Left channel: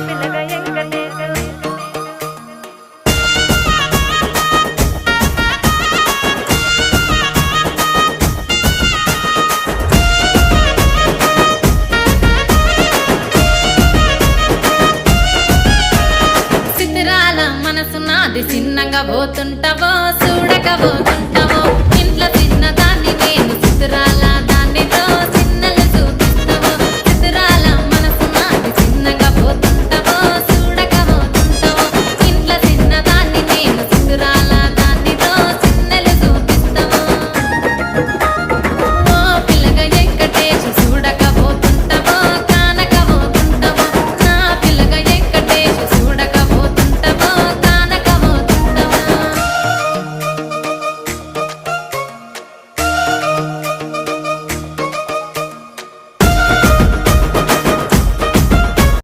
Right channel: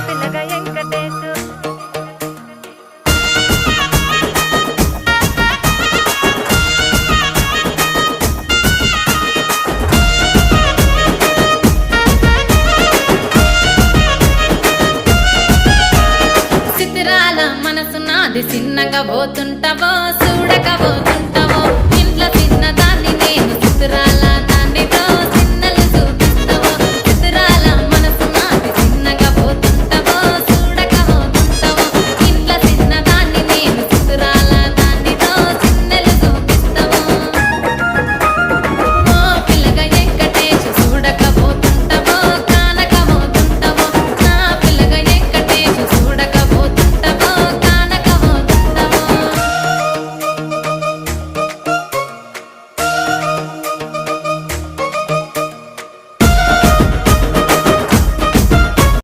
పిల్లగ వెంకటేశు చిత్రాల మనసు నాది చిన్నగా పోతుంటావో చూడక పోతుంటావో ఇంట్లో చిన్న దాన్ని నేను చిత్రాల దాన్ని